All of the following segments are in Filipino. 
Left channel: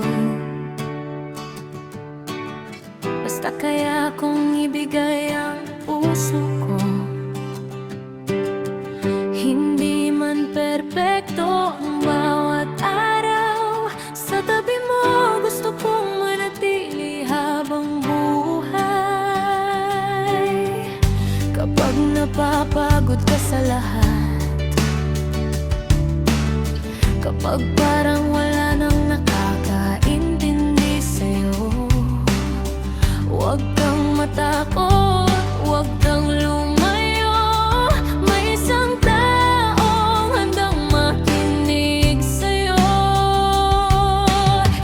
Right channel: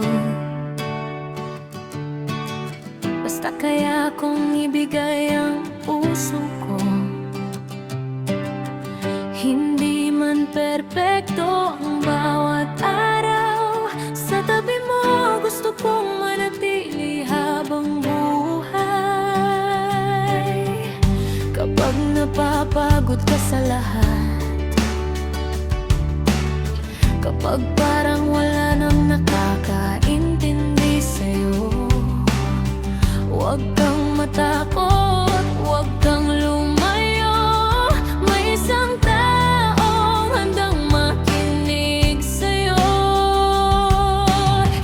mundo. Basta kaya kong ibigay ang puso ko. Hindi man perpekto ang bawat araw, sa tabi mo gusto kong manatili habang buhay. Kapag napapagod ka sa lahat, kapag parang wala nang nakakaintindi sa'yo, huwag kang matakot, huwag kang lumayo. May isang taong handang makinig sa'yo.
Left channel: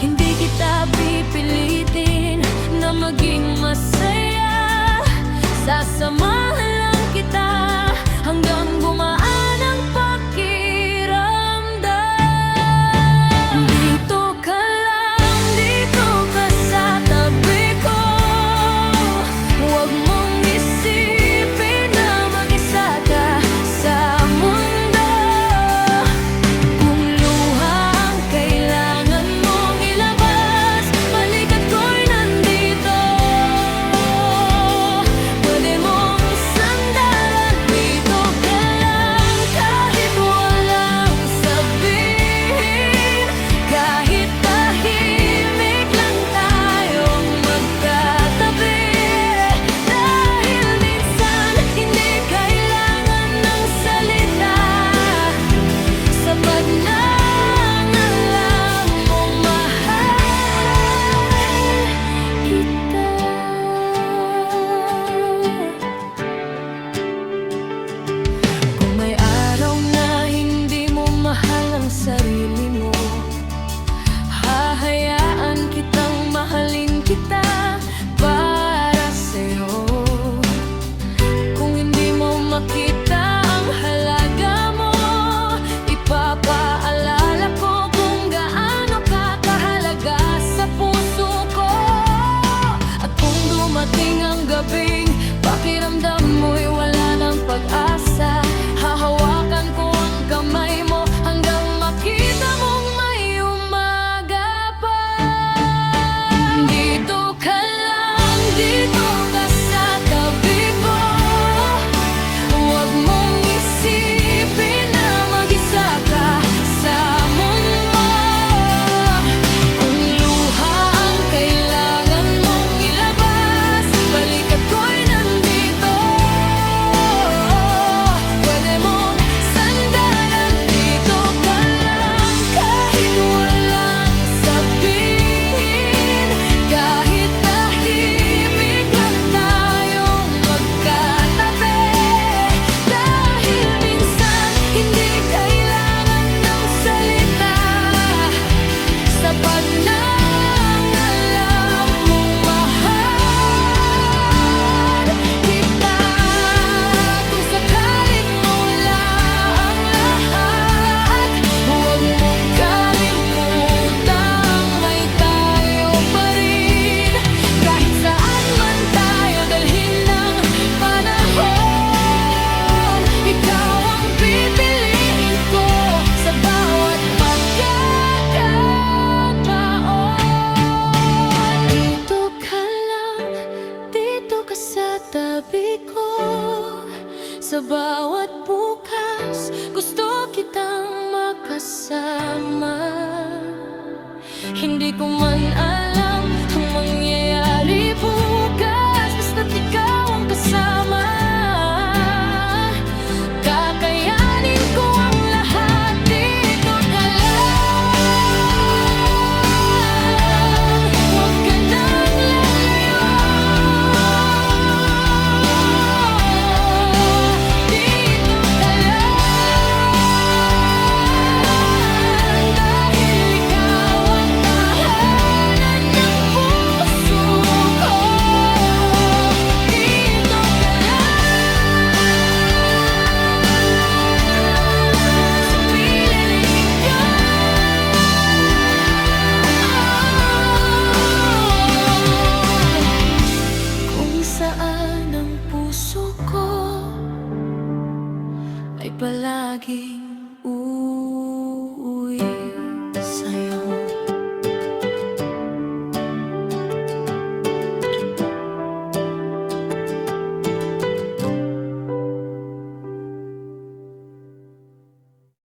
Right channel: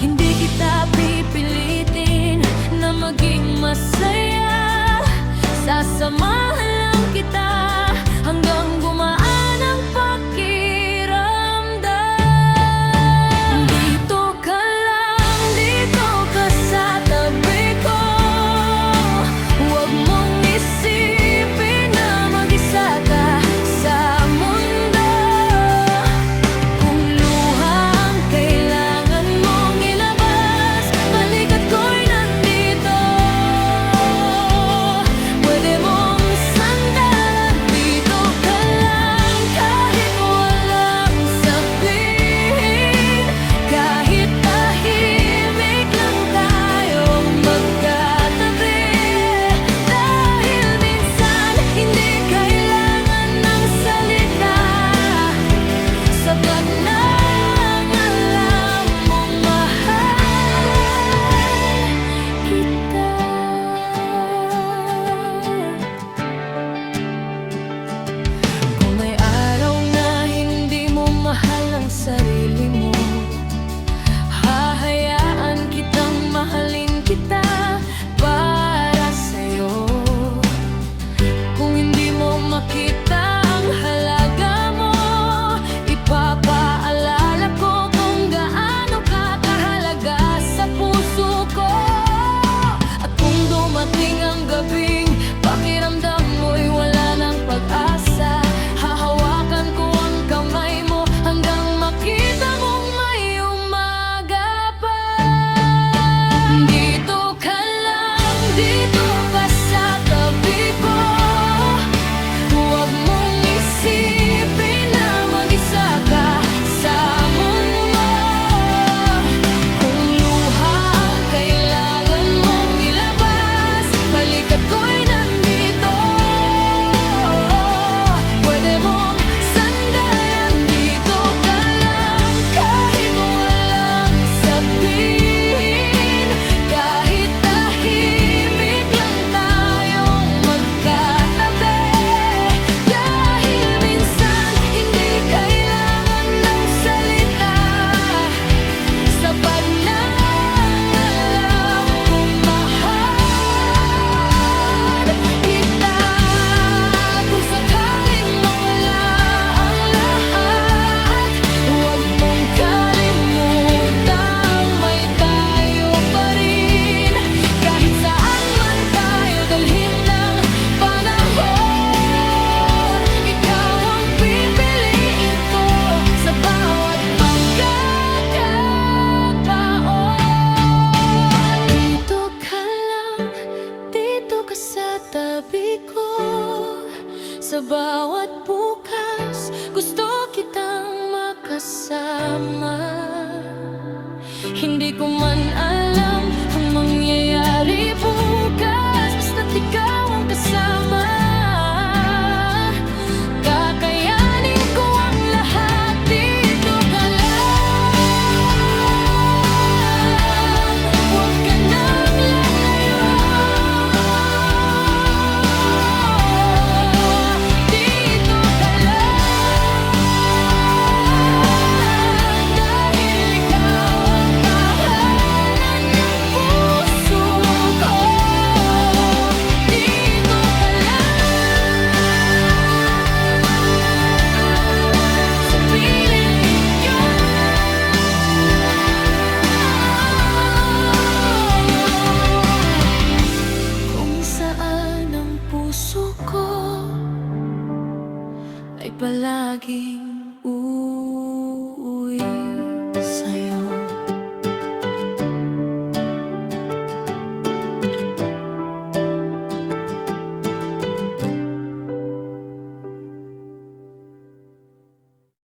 Hindi kita pipilitin na maging masaya, sasamahan lang kita hanggang gumaan ang pakiramdam. Dito ka lang, dito ka sa tabi ko. Huwag mong isipin na mag-isa ka sa mundo. Kung luha ang kailangan mong ilabas, balikat ko'y nandito. Pwede mong sandalan, dito ka lang kahit walang sabihin. Kahit tahimik lang tayong magkatabi. Dahil minsan hindi kailangan ng salita, sapat na ang alam mong mahal kita. Kung may araw na hindi mo mahal ang sarili mo, hahayaan kitang mahalin kita para sa'yo. Kung hindi mo makita ang halaga mo, ipapaalala ko kung gaano ka kahalaga sa puso ko. At kung dumating ang gabing pakiramdam mo'y wala ng pag-asa, hahawakan ko ang kamay mo hanggang makita mong may umaga pa. Dito ka lang, dito ka sa tabi ko. Huwag mong isipin na mag-isa ka sa mundo. Kung luha ang kailangan mong ilabas, balikat ko'y nandito. Pwede mong sandalan, dito ka lang kahit walang sabihin. Kahit tahimik lang tayong magkatabi. Dahil minsan hindi kailangan ng salita, sapat na ang alam mong mahal kita. Kung sakaling mawala ang lahat, huwag mong kalimutang may tayo pa rin. Kahit saan man tayo dalhin ng panahon, ikaw ang pipiliin ko sa bawat pagkakataon. Dito ka lang, dito ka sa tabi ko. Sa bawat bukas, gusto kitang makasama. Hindi ko man alam ang mangyayari bukas, basta't ikaw ang kasama. Kakayanin ko ang lahat, dito ka lang. Huwag ka nang lalayo. Dito ka lang, dahil ikaw ang tahanan ng puso ko. Dito ka lang sa piling ko. Kung saan ang puso ko ay palaging uuwi sa'yo.